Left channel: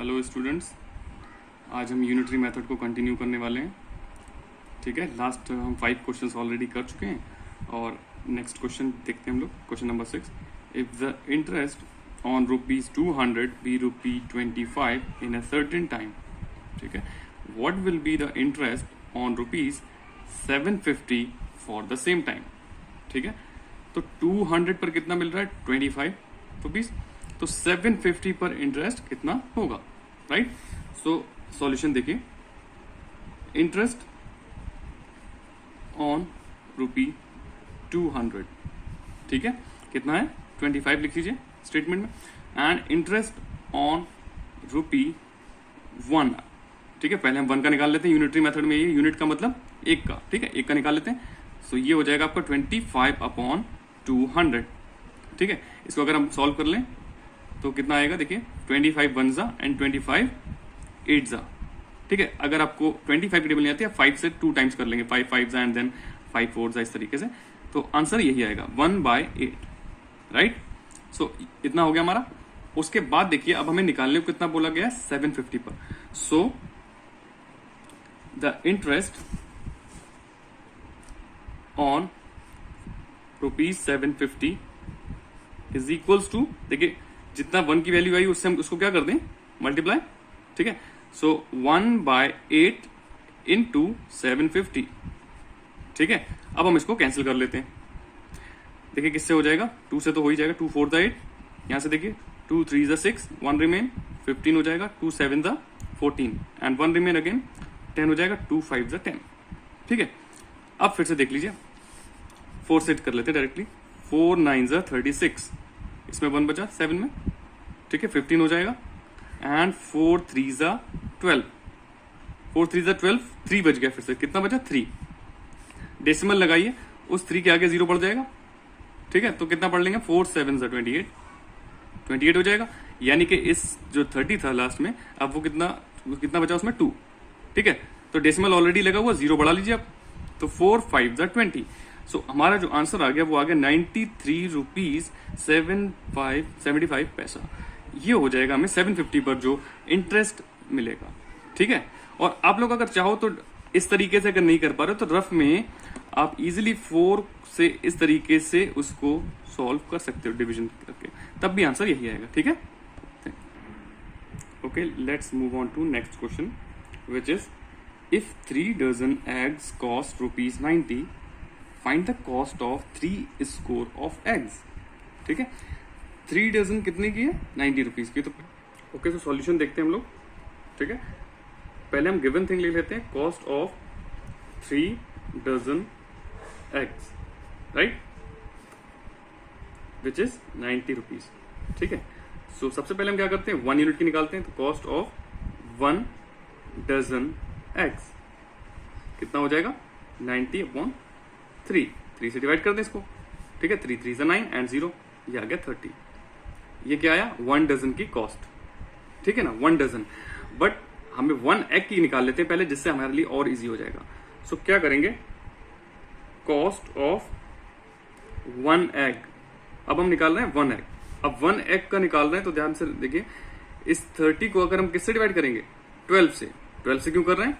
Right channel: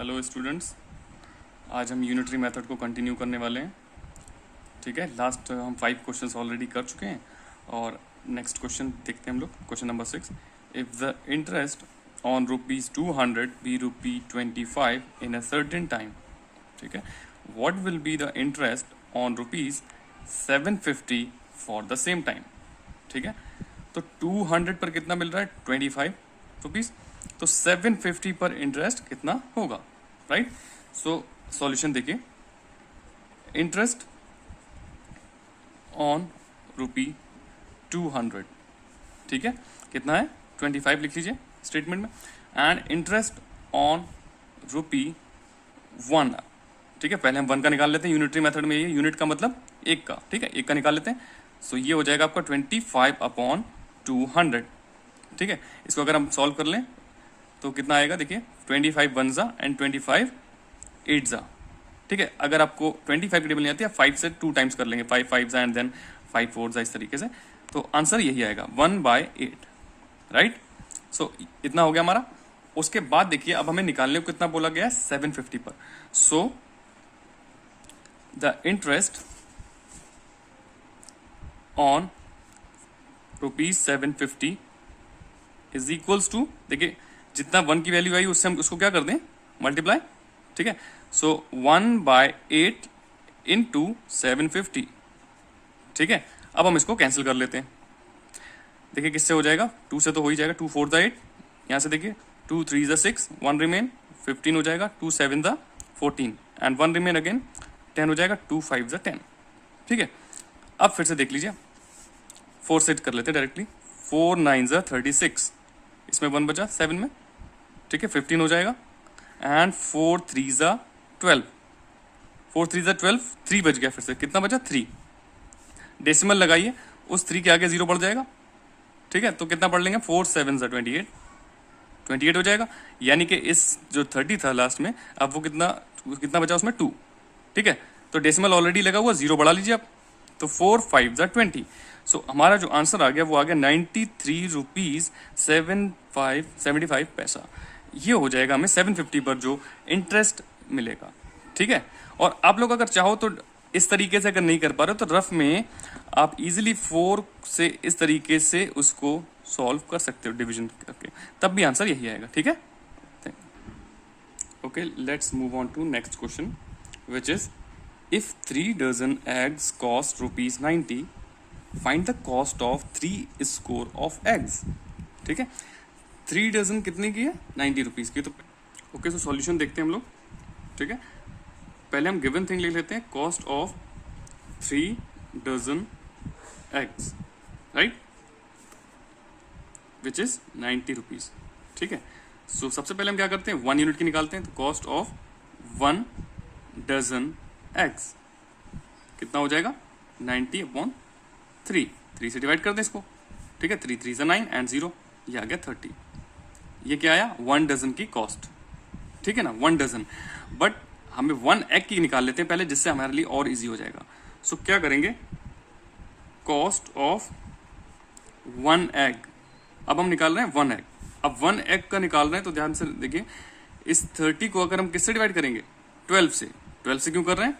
Hello students, आज हम unitary method को कंटिन्यू करने वाले हैं। ठीक है, लास्ट हम 5 क्वेश्चंस ऑलरेडी कर चुके हैं और नेक्स्ट क्वेश्चन देखते हैं हम लोग। Question number 6, if the interest on ₹200 be ₹25 in a certain time, ठीक है, what will be the interest on ₹750 for the same time. ठीक है, तो 200 पर कितना मिल रहा है? 25 रुपीज। तो 750 पर इंटरेस्ट कितना होगा, राइट? सो सॉल्यूशन देखिए, इंटरेस्ट ऑन ₹200, ठीक है, कितना है? 25 लिख लीजिए स्टेटमेंट में, एंड इंटरेस्ट ऑन ₹1, ठीक है। पहले हम 1 का निकाल लेते हैं, यूनिटरी मेथड में ये यूनिट का मतलब 1 का, ठीक है, 1 का निकाल लेते हैं। सो ये हो जाएगा आपका 25/200, ठीक है। इसको अगर हम सॉल्व कर लें तो कितना आएगा? देखिए, 25 1 जा एंड 25 8 जा, ठीक है। अगर आपको 25 की टेबल नहीं आती है, 5 से 2 टाइम्स कर लेंगे, 5 5 जा एंड देन 5 4 जा, इस तरीके से। तो आंसर यही आएगा 1/8, राइट। सो इतना हो गया हमारा। उसके बाद देखिए, अब हमें निकालने को कितना बोला गया है? 750 पर। So the interest on ₹750 is equals to, देखिए जितना 1 की वैल्यू आई उससे हम उसको क्या कर दें? मल्टीप्लाई, ठीक है। सो 1/8 इंटू 750, ठीक है। अब हम इसको कैंसिल कर लेते हैं। देखिए किससे हो जाएगा? 2 से तो हो ही जाएगा, 2 4 द 8, यहां से देखिए 2 3 द 6, 1 रिमेन, 15 हो जाएगा, 2 7 द 14 एंड 1 रिमेन अगेन, 10 हो जाएगा, 2 5 द 10, ठीक है। अब फिर से देख लीजिए, 4 सेट कर लेते हैं डायरेक्टली, 4 9 ज 36, इसमें 1 बचा 7 में, ठीक है, 15 हो जाएगा, एंड 4 3 ज 12, 4 3 ज 12, 3 बच गया, फिर से कितना बचा? 3। डेसिमल लगाइए, उस 3 के आगे 0 बढ़ जाएगा, ठीक है। तो कितना पढ़ लेंगे? 4 7 ज 28, 28 हो जाएगा। यानी कि इस जो 30 था लास्ट में, अब वो कितना बचा उसमें? 2, ठीक है। तो डेसिमल ऑलरेडी लगा हुआ, 0 बढ़ा लीजिए आप, तो 4 5 ज 20। सो हमारा जो आंसर आ गया वो आ गया 93 रुपीज 75 पैसा। ये हो जाएगा हमें 750 पर जो इंटरेस्ट मिलेगा, ठीक है। और आप लोग अगर चाहो तो इस तरीके से अगर नहीं कर पा रहे हो तो रफ में आप इजीली 4 से इस तरीके से उसको सॉल्व कर सकते हो डिवीजन करके, तब भी आंसर यही आएगा, ठीक है। Okay, let's move on to next question, which is if 3 dozen eggs cost ₹90, find the cost of 3 score of eggs, ठीक है। 3 डजन कितने की है? 90 रुपीज की। तो ओके, सो सॉल्यूशन देखते हैं हम लोग, ठीक है। पहले हम गिवन थिंग ले लेते हैं, cost of 3 dozen eggs, right, which is 90 rupees, ठीक है। सो सबसे पहले हम क्या करते हैं? 1 यूनिट की निकालते हैं। तो कॉस्ट ऑफ 1 डजन एग्स कितना हो जाएगा? 90/3, 3 से डिवाइड कर दें इसको, ठीक है। 3 3 से 9 एंड 0, ये आ गया 30। ये क्या आया? 1 डजन की कॉस्ट, ठीक है ना, 1 डजन। बट हमें 1 एग की निकाल लेते हैं पहले, जिससे हमारे लिए और इजी हो जाएगा। सो क्या करेंगे? कॉस्ट ऑफ 1 एग, अब हम निकाल रहे हैं 1 एग। अब 1 एग का निकाल रहे हैं तो ध्यान से देखिए, इस 30 को अगर हम किससे डिवाइड करेंगे? 12 से। 12 से क्यों कर रहे हैं?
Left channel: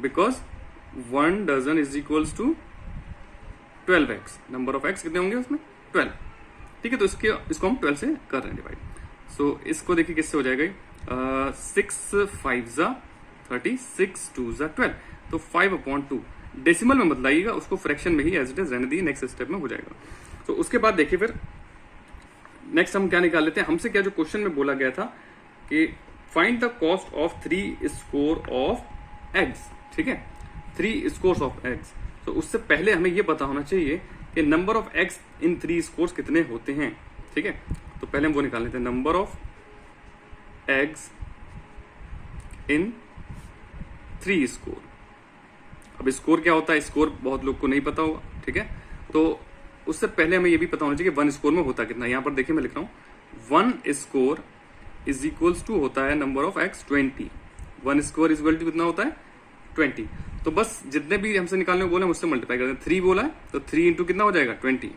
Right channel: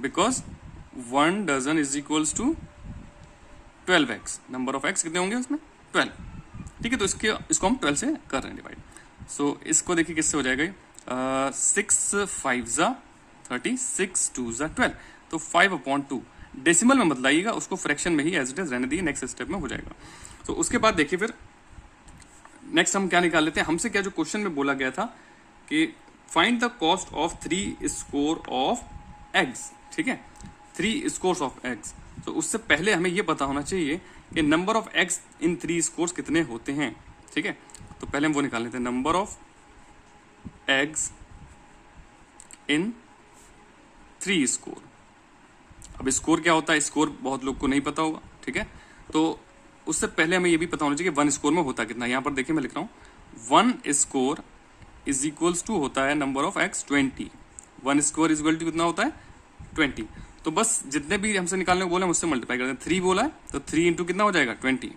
Because 1 dozen is equals to 12 eggs. Number of eggs कितने होंगे उसमें? 12, ठीक है। तो इसको हम 12 से कर रहे हैं डिवाइड। सो इसको देखिए किससे हो जाएगा? 6 5 जा 30, 6 2 जा 12, तो 5/2। डेसिमल में मत लाइएगा, उसको फ्रैक्शन में ही एज इट इज रहने दीजिए, नेक्स्ट स्टेप में हो जाएगा। तो उसके बाद देखिए फिर नेक्स्ट हम क्या निकाल लेते हैं। हमसे क्या जो क्वेश्चन में बोला गया था कि find the cost of 3 score of eggs, ठीक है, 3 स्कोर्स ऑफ एग्स। तो उससे पहले हमें यह पता होना चाहिए कि number of eggs in 3 scores कितने होते हैं, ठीक है। तो पहले हम वो निकाल लेते हैं, number of eggs in 3 score. अब स्कोर क्या होता है? स्कोर बहुत लोग को नहीं पता होगा, ठीक है। तो उससे पहले हमें यह भी पता होना चाहिए कि 1 स्कोर में होता कितना। यहां पर देखिए मैं लिख रहा हूं 1 स्कोर इज इक्वल्स टू होता है number of eggs 20। 1 score is equal to कितना होता है? 20। तो बस जितने भी हमसे निकालने को बोले हम उससे मल्टीप्लाई कर दें। 3 बोला है तो 3 इंटू कितना हो जाएगा? 20,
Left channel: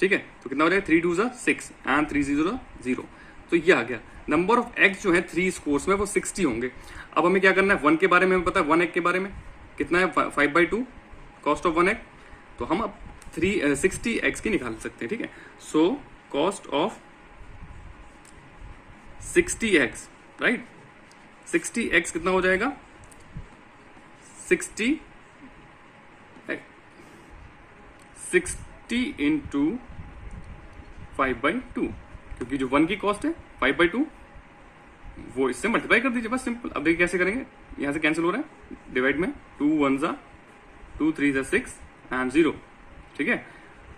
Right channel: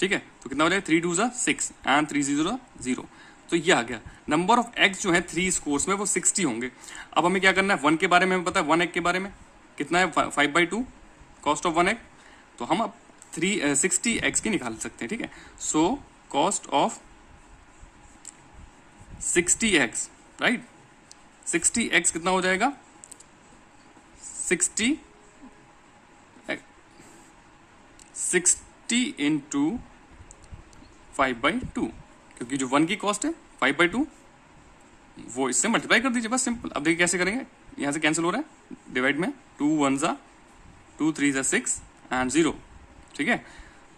ठीक है। तो कितना हो जाएगा? 3 2 6 एंड 3 0 0। तो ये आ गया। नंबर ऑफ एग्स जो है 3 स्कोर्स में वो 60 होंगे। अब हमें क्या करना है, 1 के बारे में हमें पता है, 1 एग के बारे में कितना है 5/2 कॉस्ट ऑफ 1 एग। तो हम अब 60 एग्स की निकाल सकते हैं, ठीक है। So cost of 60 eggs, right. 60 eggs कितना हो जाएगा, 60 इंटू 5/2, क्योंकि जो 1 की कॉस्ट है 5/2 वो इससे मल्टीप्लाई कर दीजिए, बस सिंपल। अब देखिए कैसे करेंगे, यहां से कैंसिल हो रहा है डिवाइड में, 2 1 जा 2 3 जा 6 एंड 0, ठीक है।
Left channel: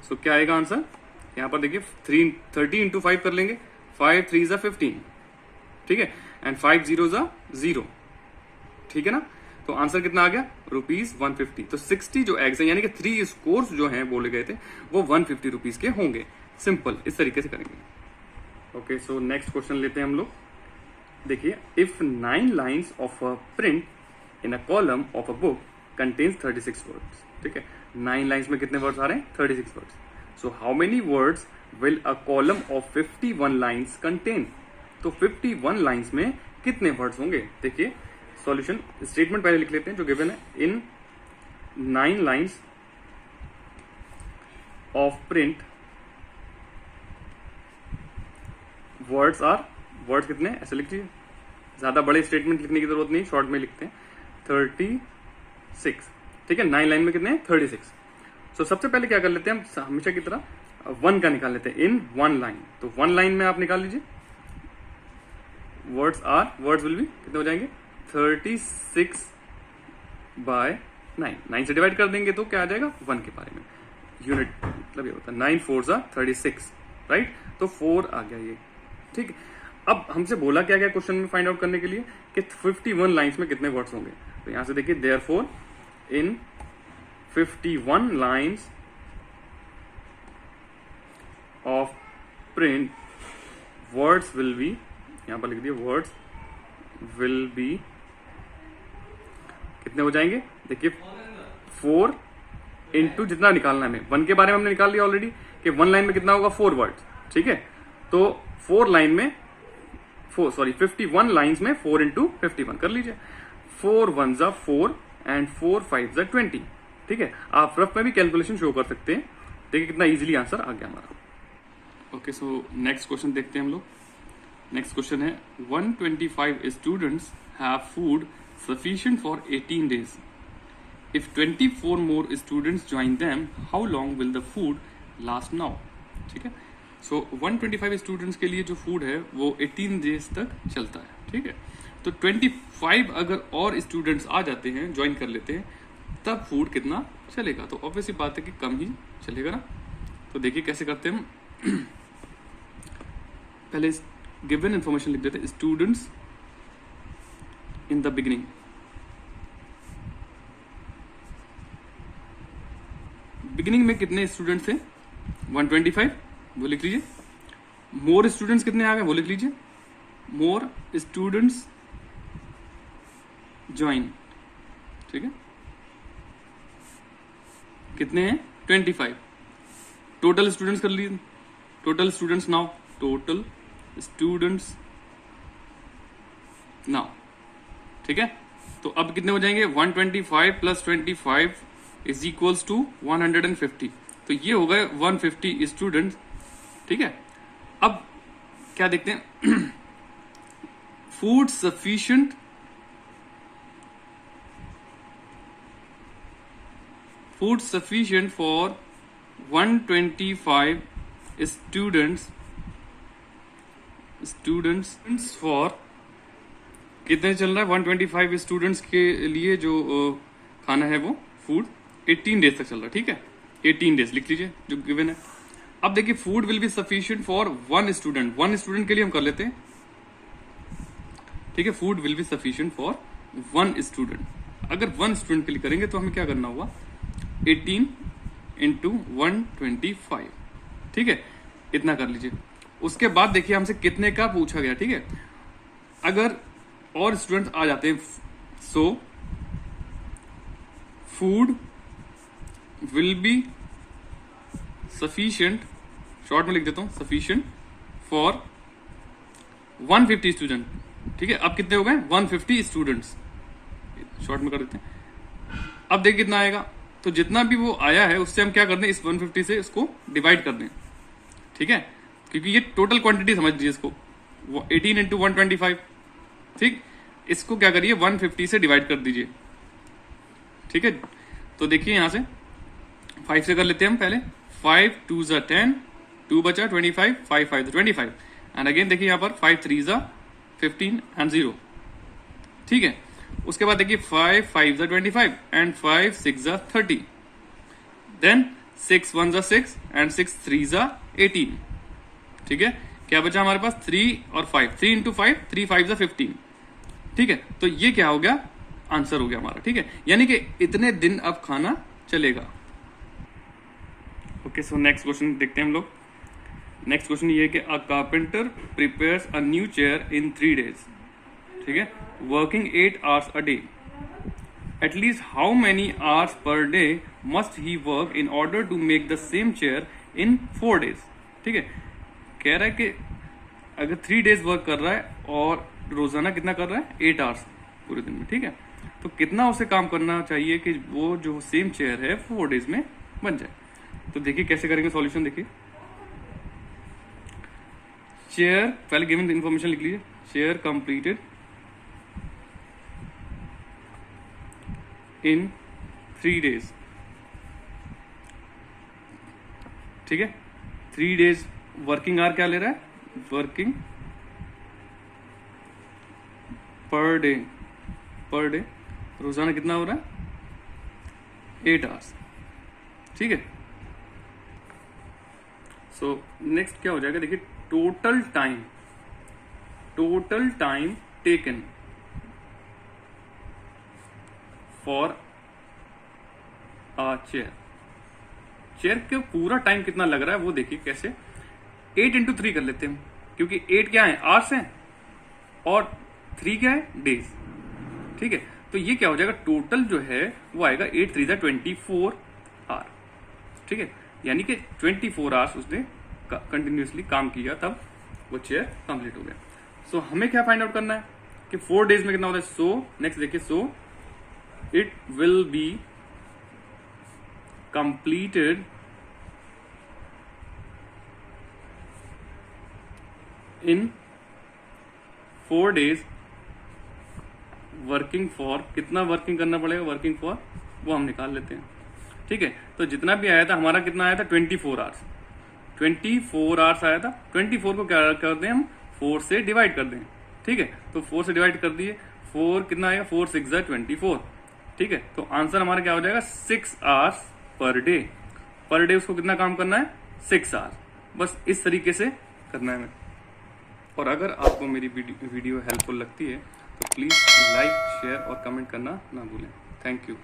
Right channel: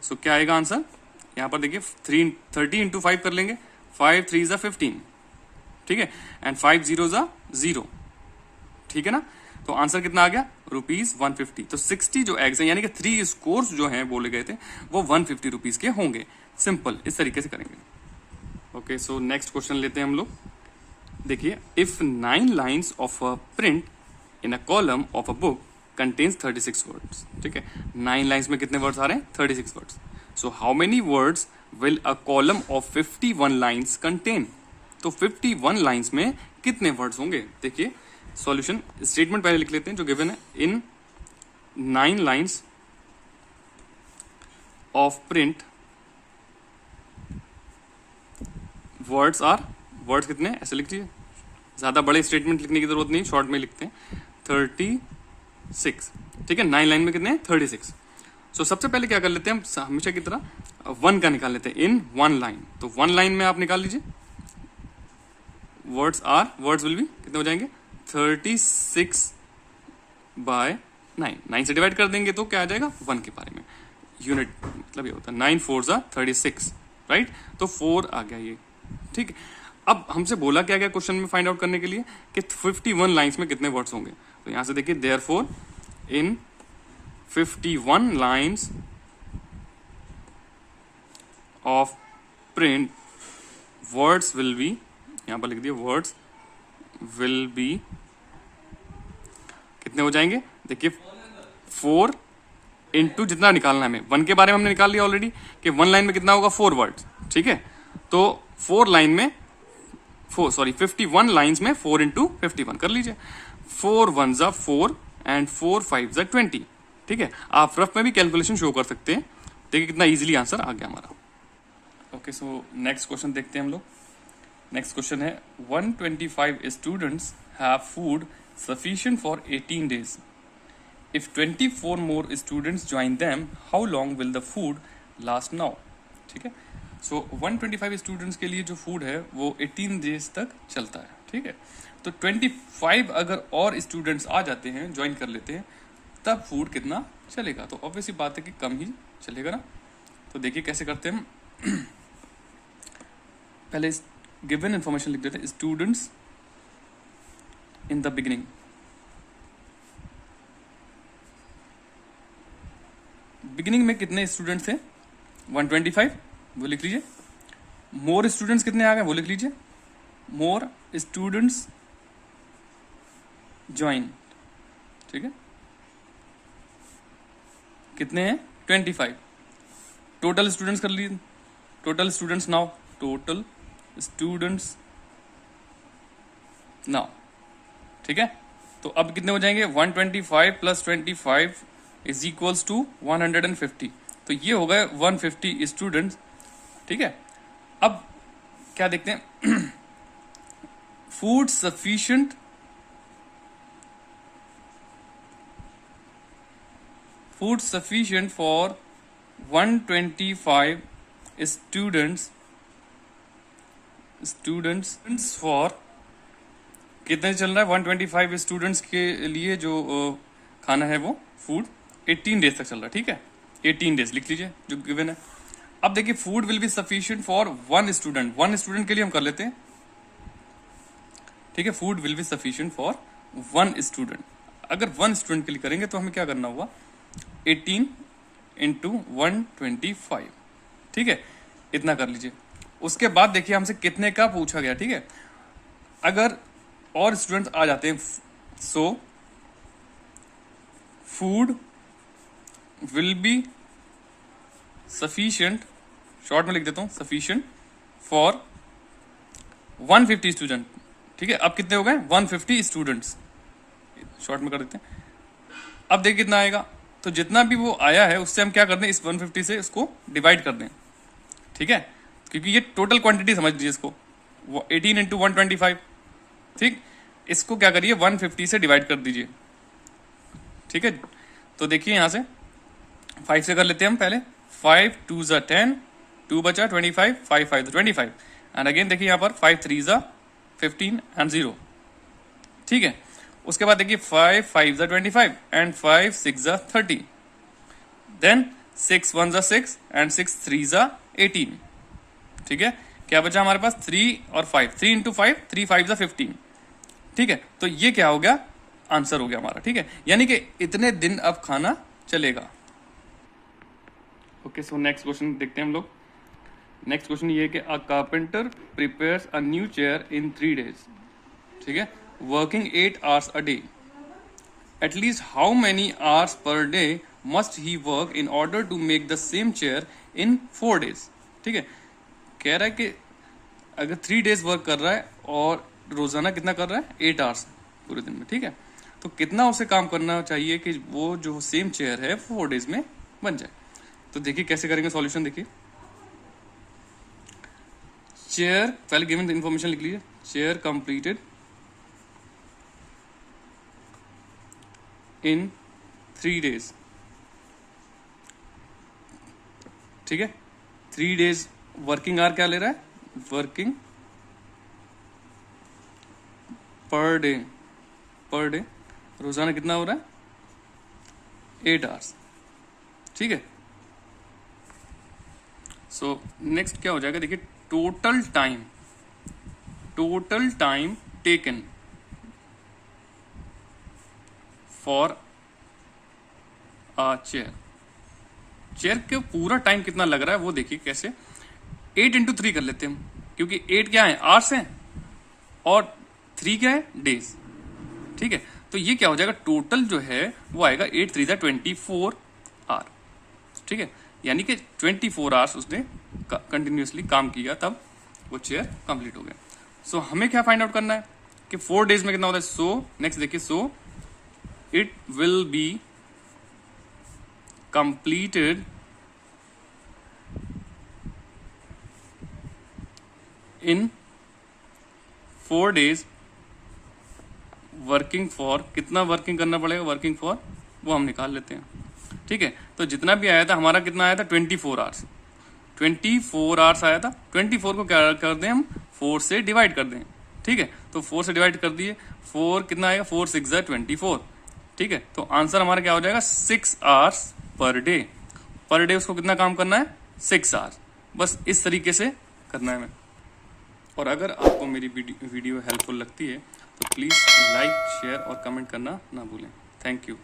सो क्या आएगा आंसर, यहां पर देखिए 30 इंटू 5 कर लेंगे, 5 3 जा 15, ठीक है, एंड 5 0 जा 0, ठीक है ना। तो आंसर कितना आ गया, ₹150। तो 60 जो एग्स है यानी कि 3 स्कोर्स जो हैं बोले गए थे वो 150 रुपीज के होंगे। सिंपल इस तरीके से करेंगे। ओके, सो नेक्स्ट क्वेश्चन लेते हैं हम लोग। देखिए, if 9 lines of a print in a column of a book contains 36 words, ठीक है। 9 लाइन्स में कितने वर्ड्स आ रहे हैं, 36 words. So how many words will a column of 51 lines contain. तो 51 लाइन्स में कितने वर्ड्स होंगे। देखिए सॉल्यूशन स्टेटमेंट पहले लिख लेते हैं जो गिवन है, in 9 lines of print words are, words कितने ऐसे लिख लीजिए, ज्यादा बड़े स्टेटमेंट लिखने की जरूरत नहीं, शॉर्ट में लिखते हैं 36, ठीक है। 9 लाइन में कितने हैं 36। सो सबसे पहले क्या कर लेते हैं हम, हमेशा की तरह 1 का निकाल लेते हैं इन 1 लाइन। तो 1 लाइन में आप निकाल लीजिए, वर्ड्स विल बी कितने हो जाएंगे 36/9, 9 से डिवाइड कर देंगे तो क्या आ जाएगा 1 के बारे में, यूनिट मतलब ये होता है 9 4 जा 36, राइट। तो 4 आ गया ये, ठीक है। अब हमसे बोला क्या गया क्वेश्चन में फाइंड आउट करने के लिए कि 51 लाइंस में कितने वर्ड्स होंगे। तो यहां से देखिए, therefore in 51 lines of print words will be, यहां पर लिख दिया वर्ड्स विल बी कितने हो जाएंगे, देखिए 4 इंटू जितना निकालना है हमें, 1 के बारे में हमने निकाल लिया ऑलरेडी कि 1 लाइन में कितना होगा 4 वर्ड्स, ठीक है। तो 4 लाइन में 51 लाइन्स में 4 इंटू 51 कर लीजिए, 4 1 जा 4 एंड 4 5 जा 20, ठीक है। आप रफ में भी कैलकुलेशन शो कर सकते हैं, देखिए कितना इजीली आंसर आ गया हमारा। ओके, सो नेक्स्ट क्वेश्चन देखते हैं हम लोग। नेक्स्ट क्वेश्चन है 125 students have food sufficient for 18 days. If 24 more students join them, how long will the food last now? ठीक है। सो 125 स्टूडेंट्स के लिए जो फूड है वो 18 डेज तक चलता है, ठीक है। तो 25 अगर और स्टूडेंट्स आ जाते हैं, ज्वाइन कर लेते हैं, तब फूड कितना चलेगा। तो ऑब्वियसली बात है कि कम ही चलेगा ना। तो देखिए कैसे करते हैं हम पहले गिवन इंफॉर्मेशन लिख देते हैं, students in the beginning, beginning में कितने स्टूडेंट्स थे 125, वो लिख लीजिए। मोर स्टूडेंट्स कितने आ गए वो लिख लीजिए, मोर स्टूडेंट्स ज्वाइन, ठीक है, कितने हैं 25। टोटल स्टूडेंट्स कर लीजिए, total students now, total students now, ठीक है। तो अब कितने हो जाएंगे 125 प्लस 25 इज इक्वल्स टू 150। तो ये हो गए 150 स्टूडेंट्स, ठीक है। अब क्या देखते हैं food sufficient for 125 students for कितने चल रहा है 125 स्टूडेंट्स के लिए जो खाना है वो फूड 18 डेज तक चल रहा है, ठीक है। 18 डेज लिख लीजिए जो गिवन है। अब देखिए food will be sufficient for 1 student के लिए हम कर लेते हैं, ठीक है। Food will be sufficient for 1 student. अगर 1 स्टूडेंट के लिए करेंगे तो हमें क्या करना हुआ 18 इंटू 125, ठीक है, इतना कर लीजिए। उसके बाद देखिए हमसे कितने का पूछा गया, ठीक है। अगर और स्टूडेंट्स आ जाते हैं, so food will be sufficient, short में लिख देता हूं, सफिशिएंट फॉर 150 स्टूडेंट, ठीक है। अब कितने हो गए 150 स्टूडेंट्स, शॉर्ट में कर देते हैं। अब देखिए कितना आएगा, तो जितना भी वो आया है उससे हम क्या कर दें, इस 150 से इसको डिवाइड कर दें, ठीक है, क्योंकि ये टोटल क्वांटिटी समझ लीजिए इसको, 18 इंटू 125, ठीक। इसको क्या करिए 150 से डिवाइड कर दीजिए, ठीक है। तो देखिए यहां से 5 से कर लेते हैं हम पहले, 5 2 ज़ा 10, 2 बचा 25, 5 5 25, एंड अगेन देखिए यहाँ पर 5 3 ज़ा 15 एंड 0, ठीक है। उसके बाद देखिए 5 5 ज़ा 25 एंड 5 6 ज़ा 30, देन 6 1 ज़ा 6 एंड 6 3 ज़ा 18, ठीक है। क्या बचा हमारे पास 3 और 5, 3 इंटू 5, 3 5 ज़ा 15, ठीक है। तो ये क्या हो गया, आंसर हो गया हमारा, ठीक है। यानी कि इतने दिन अब खाना चलेगा। ओके, सो नेक्स्ट क्वेश्चन देखते हैं हम लोग। नेक्स्ट क्वेश्चन ये है कि अ carpenter prepares a new chair in 3 days, ठीक है, working 8 hours a day. At least how many hours per day must he work in order to make the same chair in 4 days? ठीक है, कह रहा है कि अगर 3 days वर्क कर रहा है और रोजाना कितना कर रहा है 8 hours पूरे दिन में, ठीक है, तो कितना उसे काम करना चाहिए कि वो जो सेम चेयर है 4 days में बन जाए। तो देखिए कैसे करेंगे सॉल्यूशन, देखिए चेयर, पहले गिवन इंफॉर्मेशन लिख लीजिए, चेयर कंप्लीटेड इन 3 days, ठीक है। 3 days वर्किंग आवर क्या ले रहा है, वर्किंग पर डे रोजाना कितना हो रहा है 8 hours, ठीक है। सो नेक्स्ट क्या हो जाएगा, देखिए total time taken for chair के पूरा टाइम कितना लग रहा है वो देखिए कैसे, 8 इंटू 3 कर लेते हैं हम, क्योंकि 8 क्या है आवर्स हैं और 3 क्या है डेज, ठीक है। तो ये क्या हो जाएगा, टोटल जो है वो आएगा 8 3 ज़ा 24 आवर, ठीक है। यानी कि 24 आवर्स उसने कंटिन्यूसली काम किया, तब वो चेयर कंप्लीट हो गया। सो हमें क्या फाइंड आउट करना है कि 4 days में कितना होता है। सो नेक्स्ट देखिए, so it will be completed in 4 days working for, कितना वर्किंग करना पड़ेगा, वर्किंग फॉर वो हम निकाल लेते हैं, ठीक है। तो जितना भी आया था हमारा कितना आया था 24 आवर्स, 24 आवर्स आया था। 24 को क्या कर दें हम 4 से डिवाइड कर दें, ठीक है। तो 4 से डिवाइड कर दिए, 4 कितना आएगा 4 6 ज़ा 24, ठीक है। तो आंसर हमारा क्या हो जाएगा 6 hours पर डे उसको कितना काम करना है 6 hours, बस इस तरीके से करना है हमें। और अगर आपको मेरी वीडियो हेल्पफुल लगती है तो प्लीज़ लाइक शेयर और कमेंट करना ना भूलें। Thank you.